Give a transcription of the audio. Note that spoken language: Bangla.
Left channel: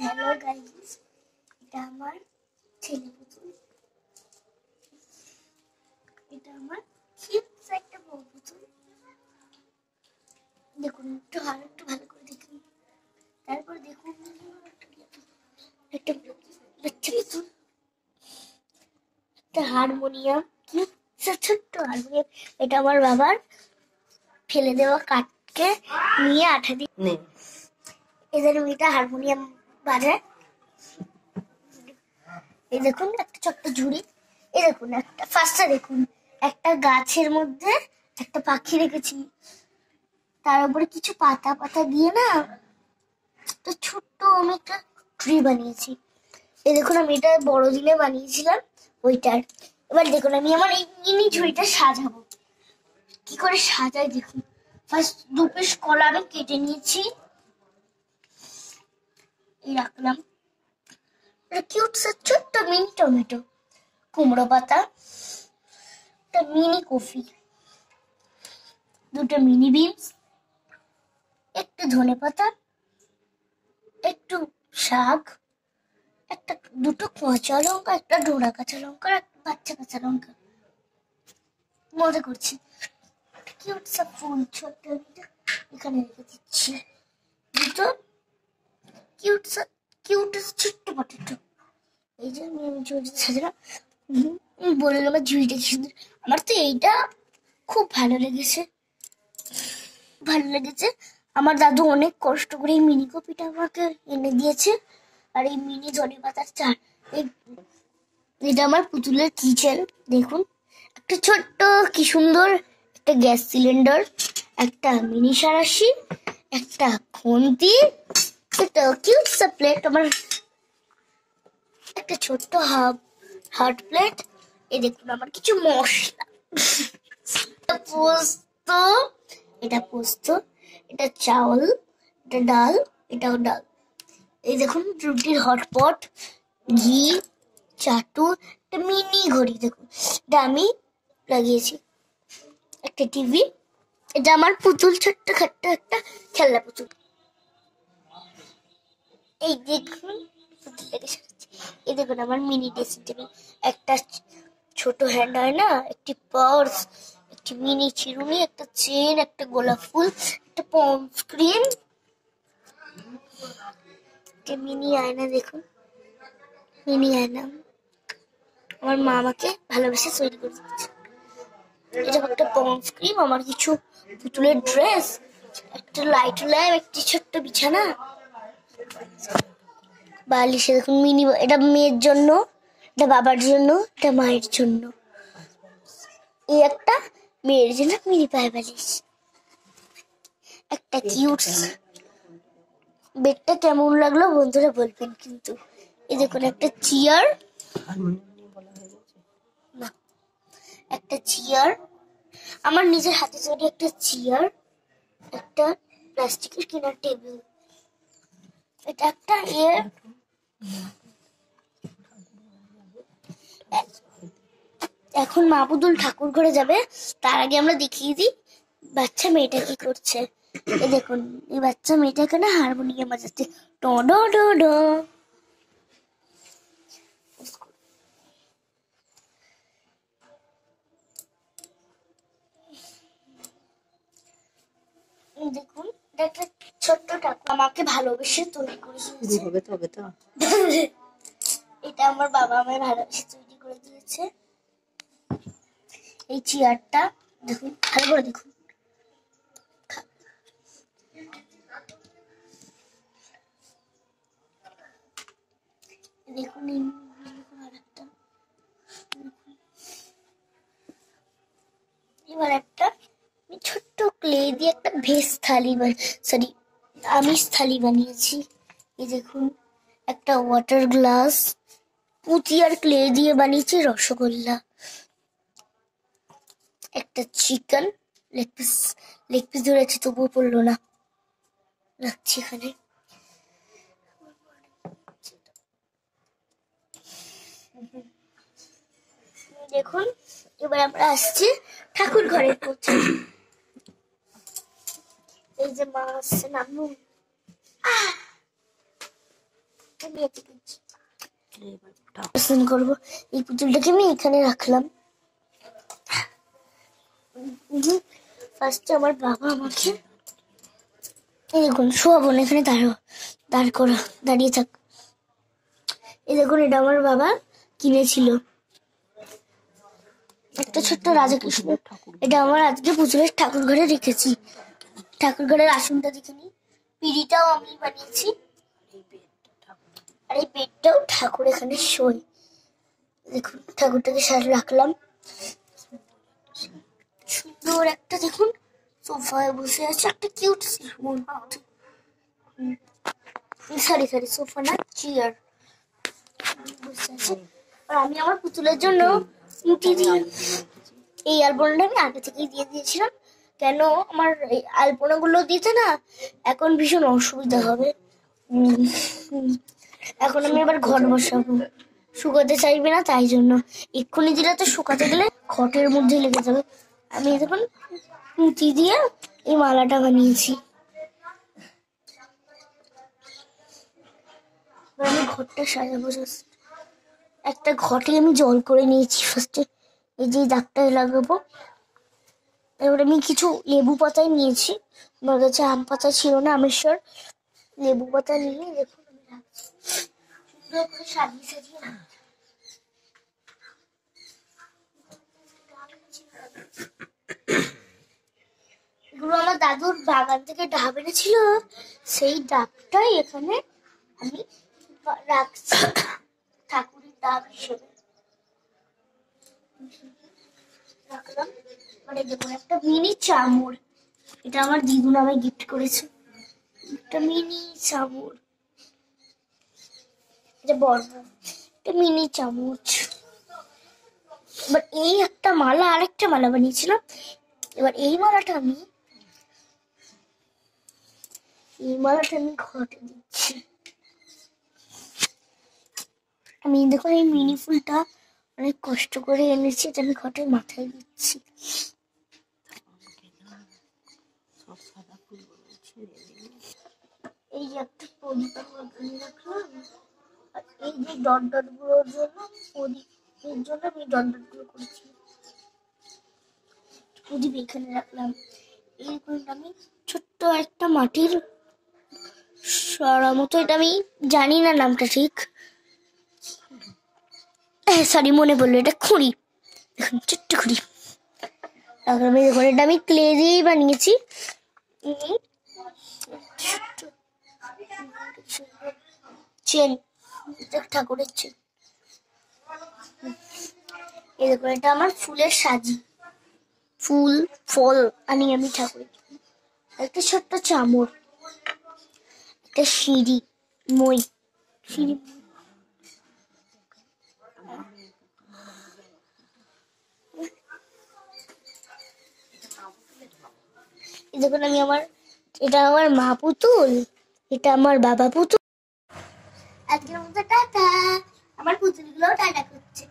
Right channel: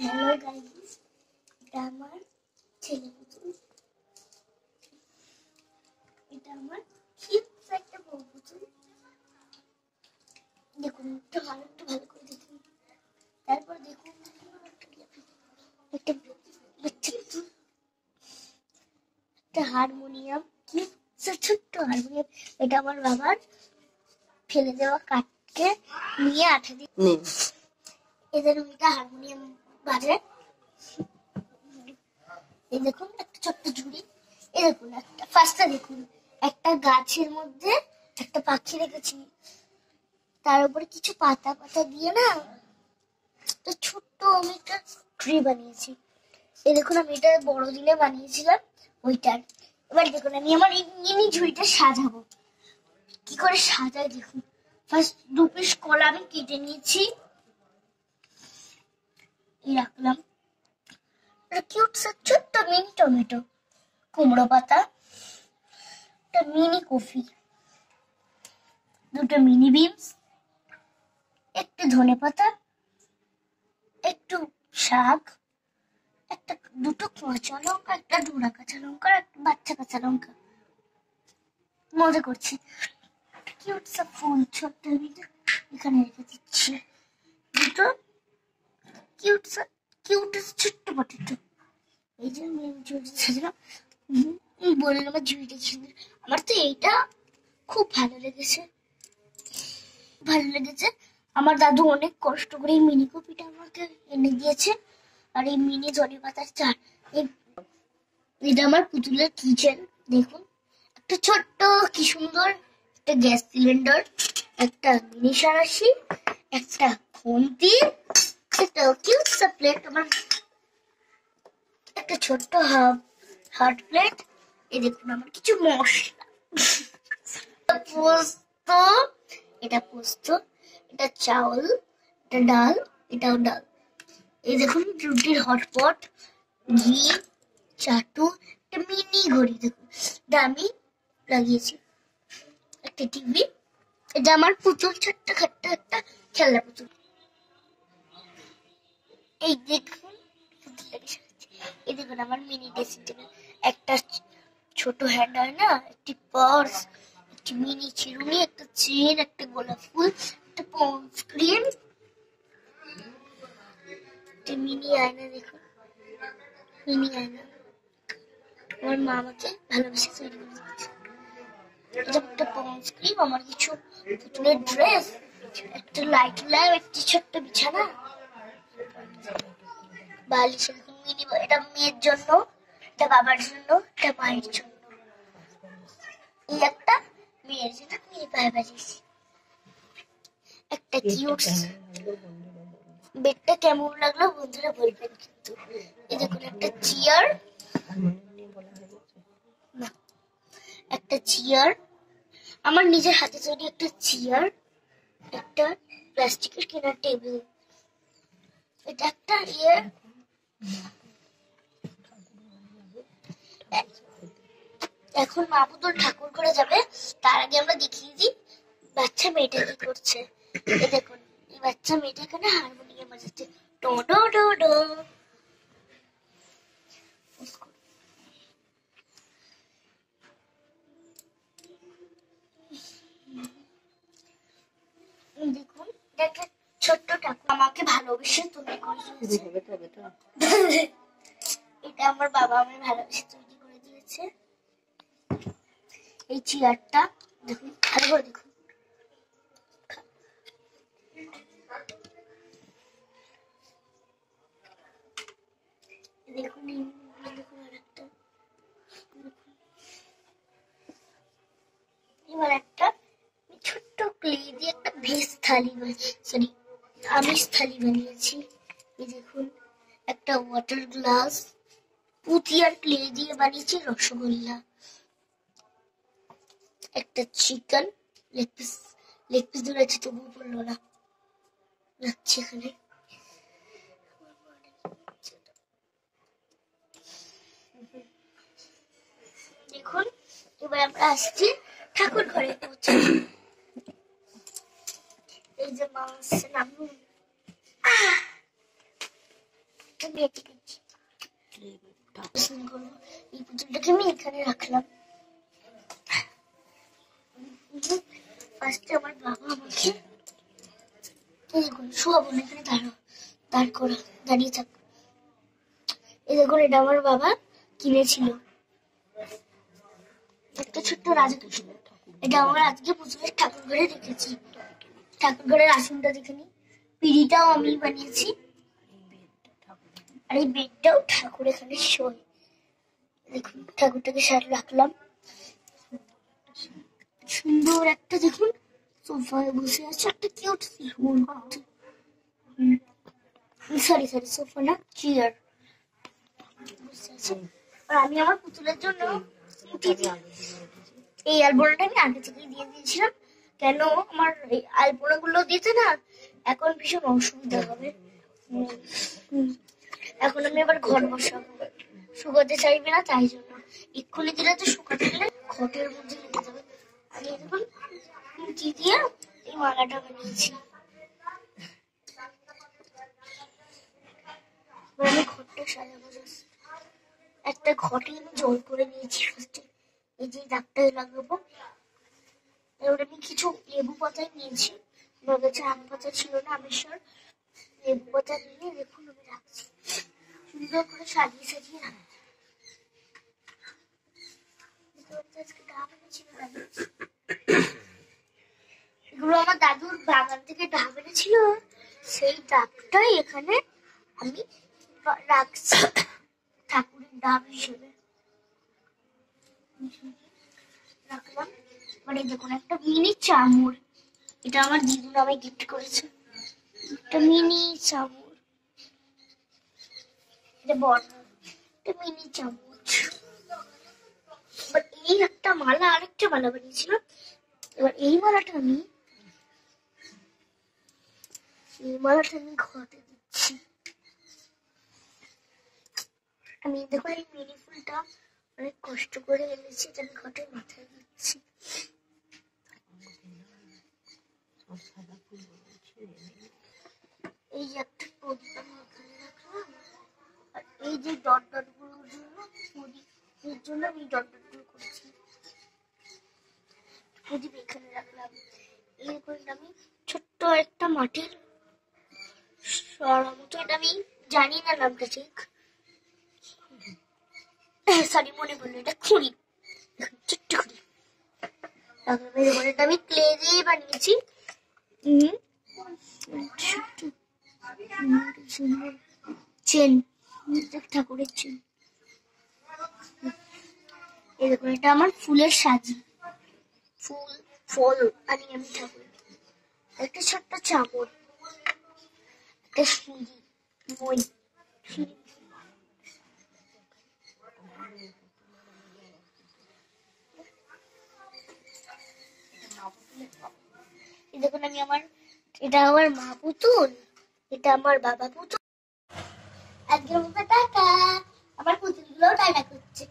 হ্যালো গাইস, এটা আমার ছেলে পুতুল। এটা আমার কিউট একটা বউ পুতুল। দেখুন, একটু ভালো করে দেখুন। তারপর দেখুন একটা বাচ্চা পুতুল, একটা হারমোনিয়াম, কি ছোট্ট হারমোনিয়াম। এটা আমার বাবার ফেলে দেওয়া কাঠকে নিয়ে আঠা দিয়ে এদের মেয়েটা হারমোনিয়াম বাজায়। এই দেখুন একটা ছোট্ট ঝুড়ি। এই দেখুন একটা ফার্স্টে দেখুন একটা গাছের মধ্যে একটা পাখি রেখেছি, তার উপরে কিছু পাতা পাতা দিয়ে না একটা ছোট্ট আমি একটা ট্রি বানিয়েছি। এই দেখুন আমি এটা বড়দিনে বানিয়েছিলাম ওইটার। এবার দেখুন আমি আমার এই মিনি ঝুড়িটা সাজাবো। কি করে সাজাই দেখুন। ফার্স্ট 2 পিস কলা আমি কেটে নিয়েছি, এই রাখলাম। কিউট ছোট্ট মিনি টমেটো, কুমড়ো পাতা, একটা মিনি কফি, 2টো মিনি বিনস, একটু ধনেপাতা, একটু শাক, একটা 2টো কাঁচা লঙ্কা, একটা ডোরা কাঁচা লঙ্কা, একটা বাচ্চা কাঁচা লঙ্কা। মজা করছি। কিউট সব ফুল ছোট্ট এখানে রেখে দিচ্ছি। 2টো কিউট ছোট্ট পটেটো। এই যে আমি সাজালাম। বললাম আমার ঝুড়িটা কি সুন্দর। আমার তো এইটা খুব ভালো লেগেছে। আমার দাদু অনেক কষ্ট করে এই মিনি কপিটা আমাকে এনে দিয়েছে। আর এই মিনি ধনে পাতার চার, এটা আমার পুতুলের কিচেন। দেখুন একটা ছোট্ট কি সুন্দর একটা গ্যাস সিলিন্ডার, একটা মিনি সারাশি, একটা খুন্তি, একটা কিউট সা প্লেট, আমার একটা ছোট্ট হার্ট প্লেট। এই দেখুন আমার কিছু মশলা, পোস্ত, এটা পোস্ত, এটা চাউল, এটা ডাল, এটাও ডাল। এই দেখুন রুটির হটপট, ঘি, চাটু, একটা মিনি ঘড়ি দেখুন, এটা আমি লাগিয়েছি, একটা টিভি। এটা আমার পুতুল, ছোট্ট খাট্ট একটা খেলনা পুতুল। এই দেখুন পুতুলটাকে সাজাচ্ছি। এই দেখুন আমার মিনি ড্রেসিং টেবিল, একটা ছোট হ্যান্ড হয় না, একটি পার্স, একটি মিনি চিরুনি, একটা চেন, একটা গোলাপ ফুল, একটা পন্স ক্রিম, একটা মিনি আয়না। দেখুন মিনি আয়না আমার মা আমাকে ভালোবেসে তৈরি করে দিচ্ছে। এটা একটা পন্স ক্রিম, আমার কিছু পুতুলের ড্রেস, একটা লাইট ল্যাম্প, একটি ছোট্ট বিছানা, বালিশে দেখুন মিনি, এটা মেয়ের জন্য, এটা বাবার জন্য, এটা মায়ের জন্য, এই একটা মেয়ের জন্য মিনি পায়ে বালিশ, একটা কিউট। বেডটা কেমন লাগলো বন্ধুরা বলবেন কিন্তু। এই দেখুন একটা চেয়ার, একটা চেয়ার, আমার নিজের হাতে তৈরি একটা চেয়ার, একটা প্লাস্টিকের কেনা টেবিল, এটা একটা এখন মা পুতুল ঠাকুর ঘরে যাবে, তার আগে আমরা দেখিয়ে দিই বাচ্চা মেয়েটা কি করছে। এই দেখুন এই বাচ্চা মেয়েটা এখানে হারমোনিয়াম বাজাচ্ছে, ডো ডো ডো ডো। দেখুন একটা ছোট্ট ঠাকুর আমাকে ভালোবেসে তৈরি করে দিয়েছে। এটা আমার বাবা আমায় ভালোবেসে তৈরি করে দিয়েছে। এই চেয়ারটা দেখুন, ভালো করে দেখুন। দেখুন আরেকটা, এবার একটা ছোট্ট ক্লে দিয়ে একটা ভেজ থালি, সরি আমিষ থালি বানিয়েছি। এই দেখুন একটা ওয়াটার গ্লাস, পুঁতি আর ক্লে দিয়ে বানিয়েছি রসগোল্লা, একটা চিকেন লেগ পিস ধরেছি তবুও পড়লো না, রাখছি এখানে। দেখুন এবার আমরা আসছি ঠাকুর ঘরে পৌঁছে। এই যে মা আসছে, নামুন। আমি করবো। এই পুতুলটাকে আমি এখানে রাখলাম। ফার্স্টে আমার বাবা আমাকে এই দেখুন শোয়াবো না, এখানে দাঁড়িয়ে থাক। এই দেখুন এটা আমার বাবা কিনেছিল, একটা ছোট্ট রাধাকৃষ্ণ। এটা আমার আজকে পুজোর ঠাকুর ঘরে রেখেছি। ঠাকুর ঘরের আসনটা দেখে নি, পিড়িটাও আমি বানিয়েছি, আর এই বেডটাও ঠাকুর এখানে শোয়। দেখুন ঠাকুরটাকে সাথে রাখলাম। সুন্দর একটা দেখুন সোফায় বসে আছে, একটা কিউট সরি সোফা না, চেয়ার বসে আছে। আর আমি আমার পুতুলের জন্য এই আলপনাটা আমি আগে থেকেই দিয়ে দিয়েছিলাম, কেন আমার এই আলপনাগুলো দিতে না এখন ভীষণ অসুবিধা হবে। এখন আমি আবার ঘর বসাবো, শুকাতে চাইবে না, তাই জন্য এক্ষুনি দিলে তো শুকাতে গেলে ঘটের মধ্যে লেগে যাবে। আমি দেখুন পুঁতি দিয়ে এই মালাটা বানিয়েছি। আমি ঘরটা সাজাবো। একটা ঘটে আমি জল করে নিয়েছি ফার্স্টে, এই যে দাগটা লাগাবো। এবার আমি কিছু লেবু পাতায় নিয়েছি, আমার কাছে আম পাতা ছিল না, আমেশ্বর লেবু পাতা নিয়ে দেখুন আমি রাখছি, সুন্দর করে সাজিয়ে এগুলো আমার দাদুর বাগান থেকে ডাব এনেছিল, সেই ডাবটাই এখানে আমি রাখছি ঠাকুরের ডাব হিসেবে রাখলাম। মানে দেখুন একটা মিনি চামর, এটা আমার দিদু নামে গিফট করেছে, একটা মিনি চামচ, এটা বড় একটা মিনি চামচ। এবার এই একটা মালা, আরেকটা মালা বানিয়েছিলাম। এবার এই মালাটা আমি ঘটে দিচ্ছি। আমি দেখুন এই মিনি ফুলটা অনেক কষ্ট করে এনেছি, এটা আমি ঘটের মাথায় দিচ্ছি। এই যে একটা প্রদীপ আমি ওখানে রাখলাম, আর এই যে ডট গুলোর জন্য প্রদীপের জন্য আমি ডট গুলো করেছি, প্রদীপ এখানে রাখলাম। এই আমি ছোট্ট একটা মাটির সরা মতো, এটা আমি জানি না নামটা ঠিক, সরি মনে পড়লো, এটা খুঁড়ি, দেখুন ছোট্ট খুঁড়ি রাখলাম। এটা আমি ক্লে দিয়েই বানিয়েছি। চেন, ঠাকুরের চেন। এই দেখুন এটা আমার ফুলের সাজি, ফুল ফল আনি আমি ঠাকুরের। একটা ছোট্ট চামর, একটা সিঁড়ি দেখুন আমি এটা আমার মা পুতুল, এটা আমার বাবা পুতুল। আজকের মতো টাটা, আমার পুতুলগুলোও টাটা করছে।